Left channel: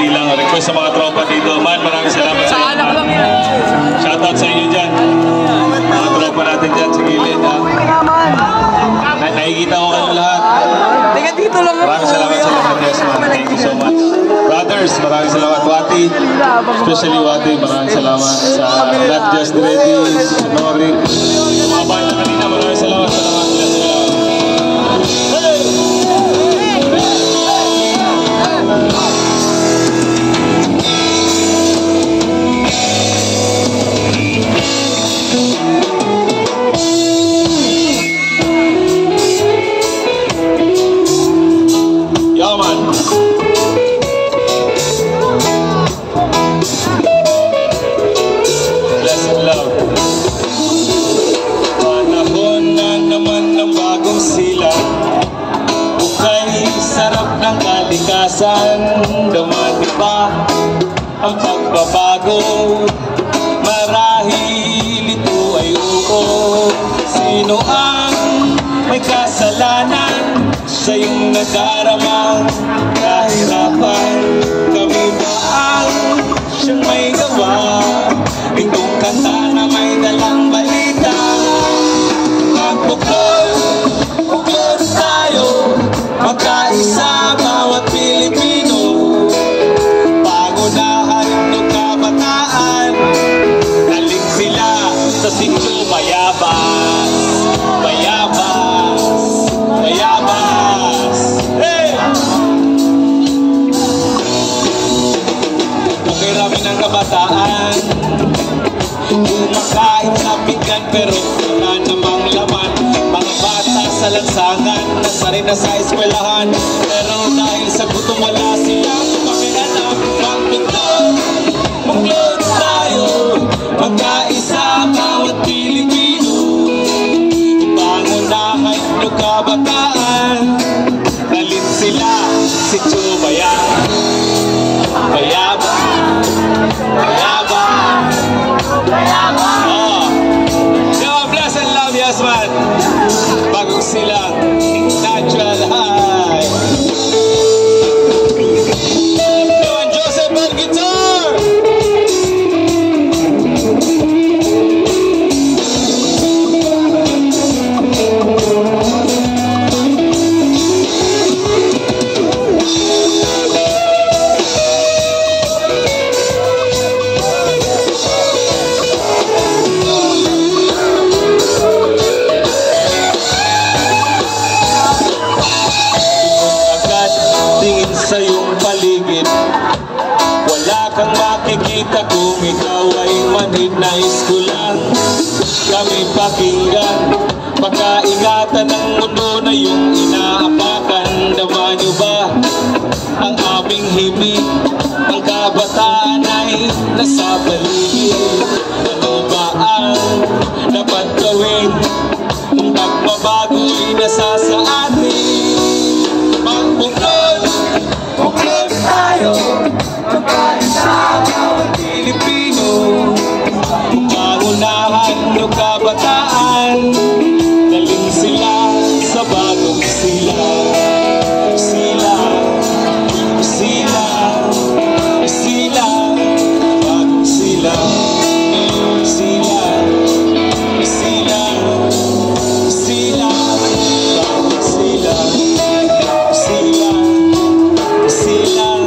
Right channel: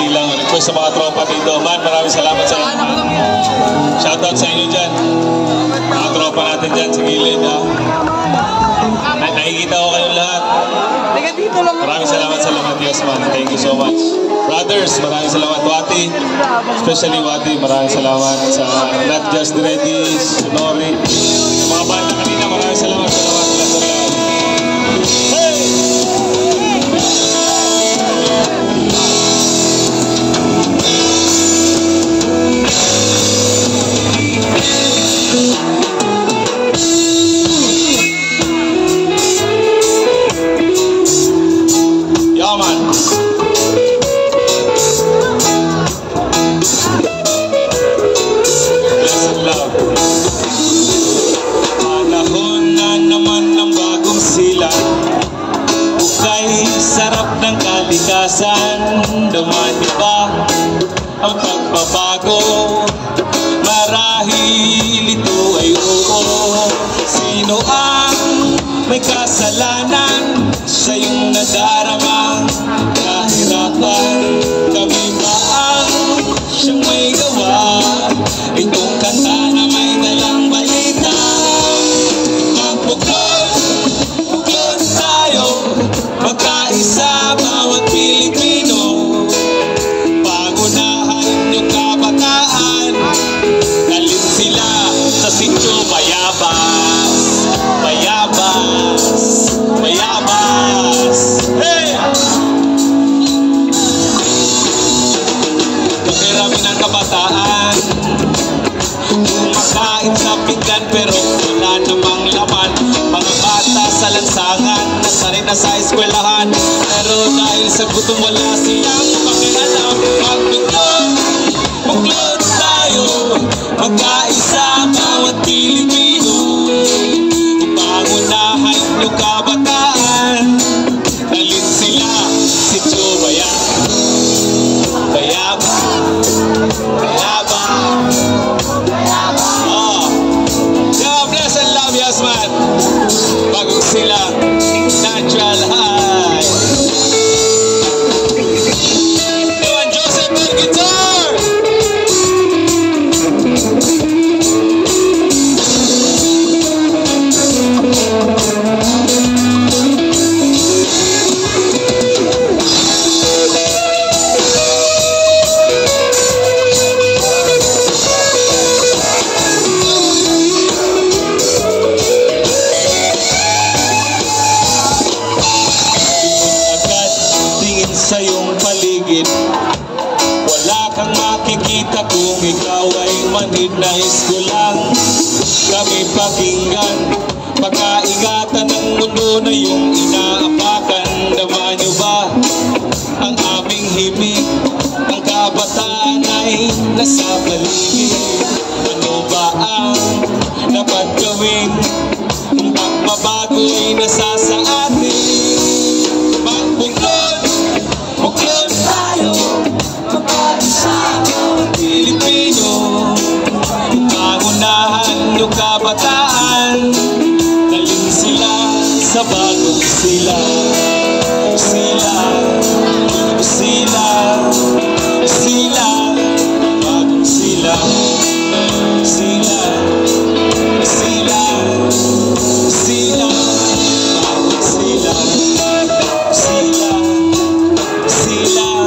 silang request sa mga tropa dito. Man, maraming salamat sa inyo. Shoutout sa inyo dyan. Mga tropa natin dyan sa gilid. Nakikita ko kayong lahat. Maraming salamat sa lahat. Yes, man. Thank you so much. Brothers, maraming salamat. Wati, especially Wati, maraming salamat sa Not Just Ready, Sonori. Mga banda kanina, maraming salamat. Dumati pa ang pagbabago, marahil ito ay oo. Sino ang may kasalanan sa iyong nadaramang kahirapan? Kami ba ang siyang may gawa? Itong kanta na may dalang balita. Magbuklod tayo, magkaisa bawat Pilipino. Sa sityo mayabas, mayabas, mayabas. Hey! Okay namin ang kabataan, kumakain sa pinggan pero wala namang laman. Mga bata sa lansangan, masari na sa eskwelahan, pero dahil sa gutom wala silang pakiramdam. Magbuklod tayo, magkaisa bawat Pilipino. Pangunahan ng kabataan, dalhin sila si Chubaya. Bayaba, bayaba, bayaba. Oh, yeah, bless and love, yes man. Bagong sila, natural high. Don Joseph Bergitor. Sa iyong paligid, wala kang makikita kung ikaw ay manhid. Nais ko lang kami pakinggan, makaingatan ng mundo na iyong inaapakan. Dama niyo ba ang aming himig? Ang kabataan ay nasa paligid. Ano ba ang dapat gawin? Ang pagbabago ay nasa sa atin. Magbuklod tayo, magkaisa bawat Pilipino. Pangunahan yung kabataan, dalhin sila sa bagong sila. Sila, sila, sila, bagong sila. Sila, sila, sila, bagong sila. Sila, sila,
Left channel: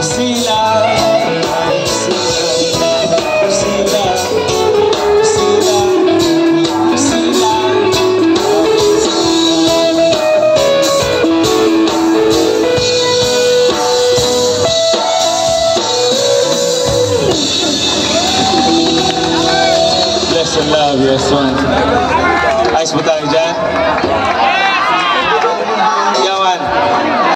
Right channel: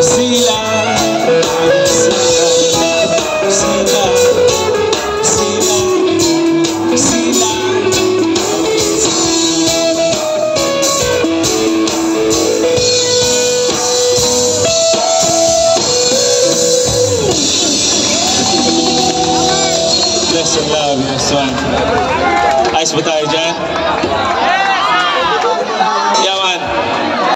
sila, Yes, I love you, yes, one. Ayos ba tayo dyan?